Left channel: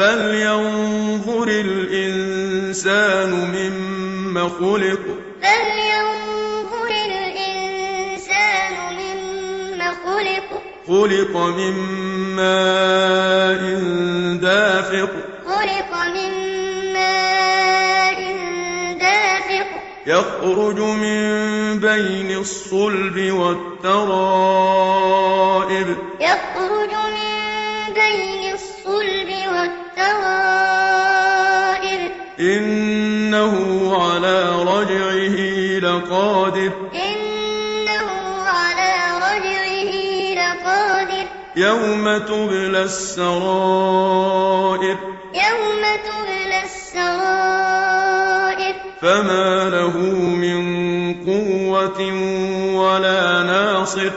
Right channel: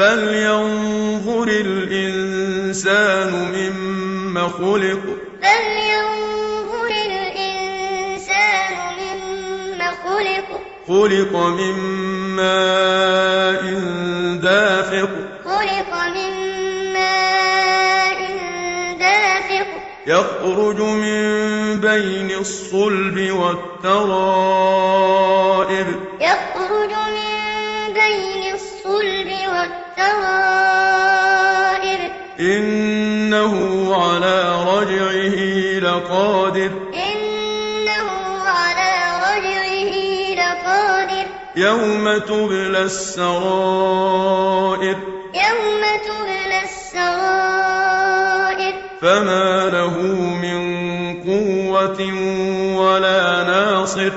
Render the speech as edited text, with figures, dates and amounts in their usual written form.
فلينظر الإنسان مما خلق فلينظر الإنسان مما خلق خلق من ماء دافق خلق من ماء دافق يخرج من بين الصلب والترائب يخرج من بين الصلب والترائب إنه على رجعه لقادر إنه على رجعه لقادر يوم تبلى السرائر يوم تبلى السرائر فما له من قوة ولا ناصر